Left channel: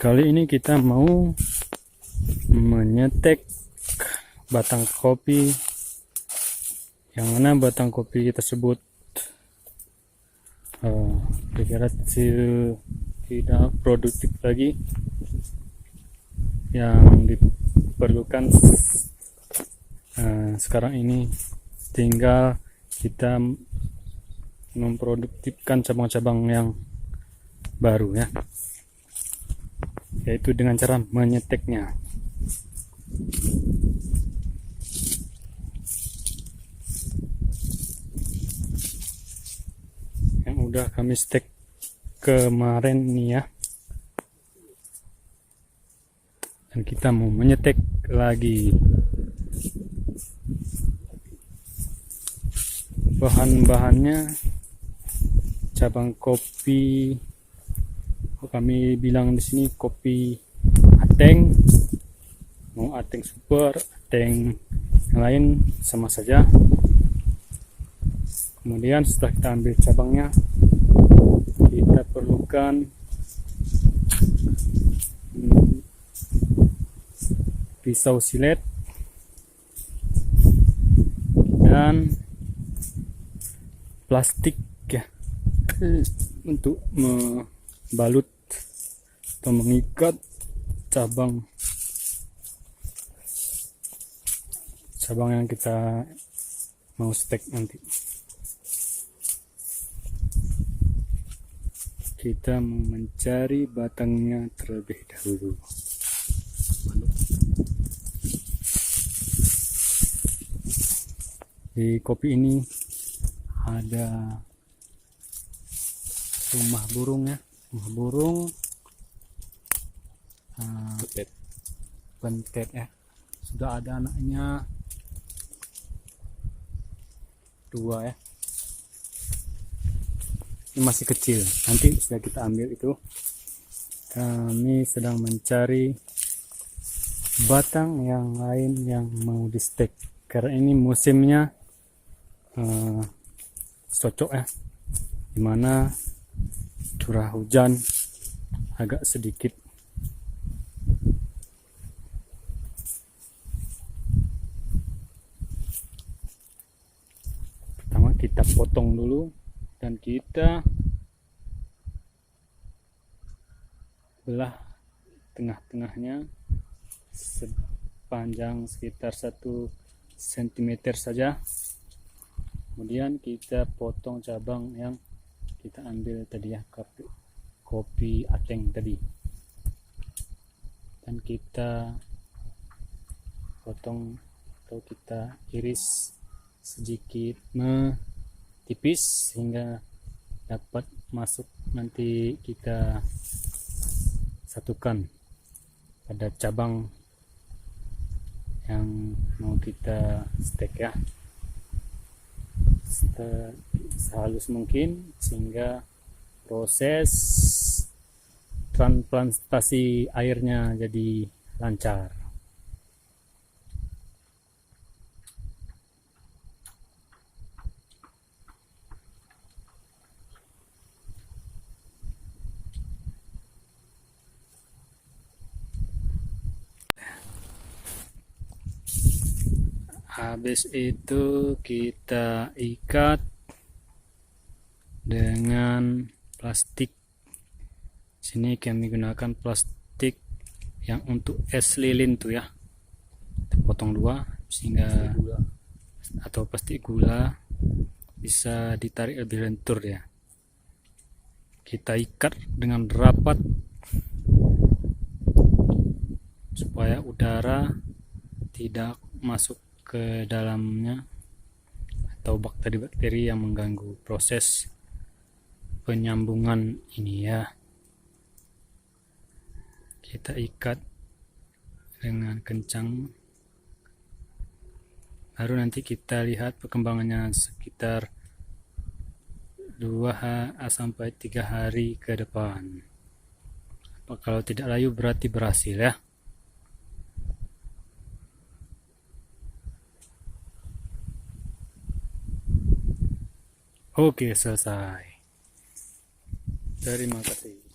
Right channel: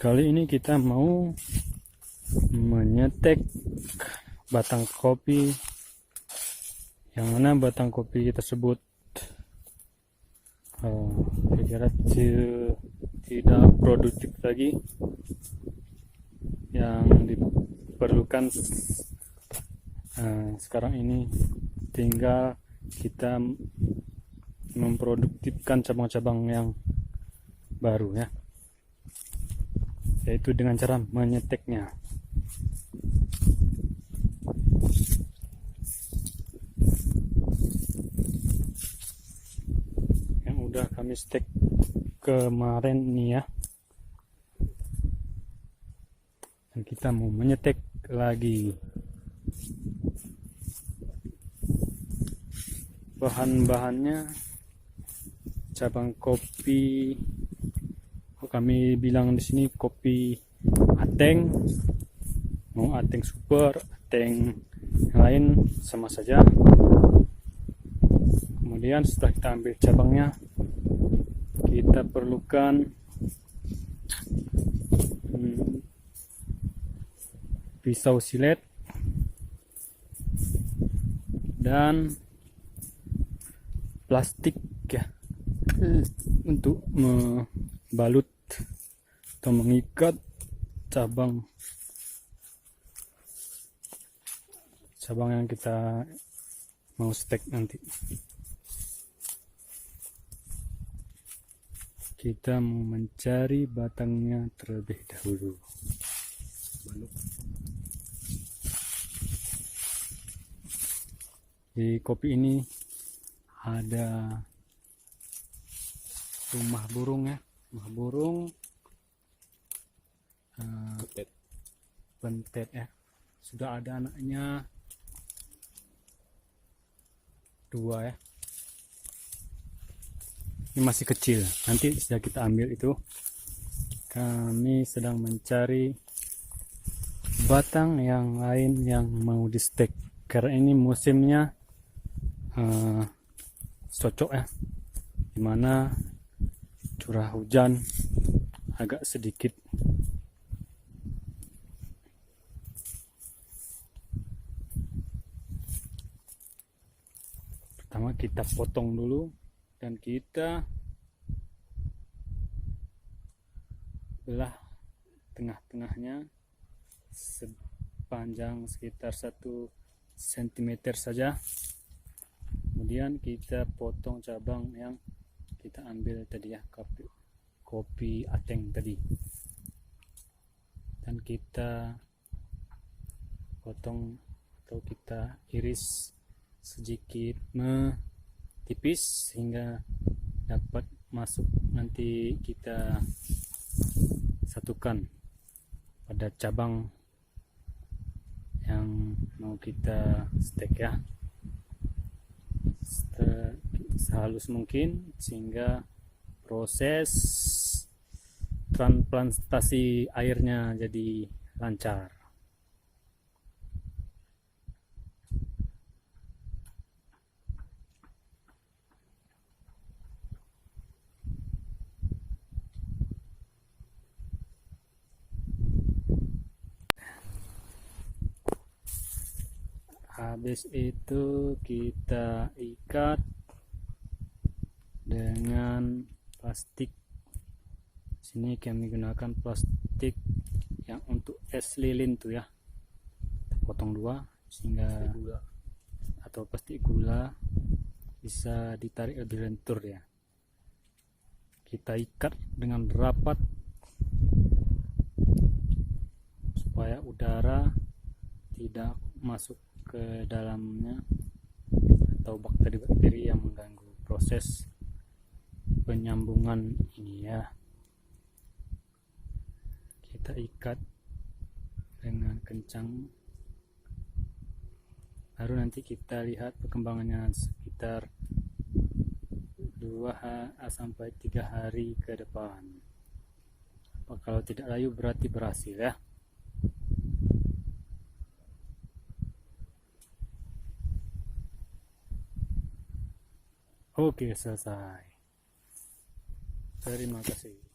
Kali ini kita mau menyetek batang kopi, yang mana batang kopi tersebut kira-kira tidak produktif lagi. Yang diperlukan sekarang ini tinggal kita memproduktifkan cabang-cabang yang baru, ya, yaitu dengan cara menyeteknya. Yang udah kami stek kemarin nih, ya, dan kita mau menyetek lagi. Bahan-bahannya cabang kopi, kami bilang di sini kopi ateng, mau ateng super, ateng yang lain sama saja. Kemudian setelah kita ambil cabangnya, kita perlukan pisau silet dan plastik, ya, untuk membalut atau mengikat cabang yang kita mau stek nanti. Kita mau mencari batangnya terlebih dahulu. Di kopi ini ada rumah burung, ya, rumah burung bentet, ya, sudah ada anaknya 2, ya. Ini masih kecil, nanti sudah kita ambil itu. Kami sedang mencari batang yang lain yang mau di stek, karena ini musimnya cocok, ya, dimana curah hujan agak sedikit. Pertama kita potong dulu dan kita belah tengah-tengahnya sepanjang sekitar 1 cm saja. Kemudian kita potong cabang yang kita ambil tadi, ya, kopi ateng tadi, dan kita potong atau kita iris sedikit tipis sehingga dapat masuk, nanti kita satukan pada cabang yang mau kita stek, ya, sehalus mungkin sehingga proses transplantasi airnya jadi lancar. Habis itu kita ikat dengan plastik. Sini kami gunakan plastik yang untuk es lilin tuh, ya. Kita potong 2 sehingga atau plastik gula bisa ditarik lebih lentur, ya. Kita ikat dengan rapat supaya udara tidak masuk ke dalamnya atau bakteri-bakteri yang mengganggu proses penyambungan ini, ya. Kita ikat dengan kencang, baru nanti kita lihat perkembangannya sekitar 2 sampai 3 hari ke depan. Kalau tidak layu berarti berhasil, ya. Oke, selesai. Terima kasih.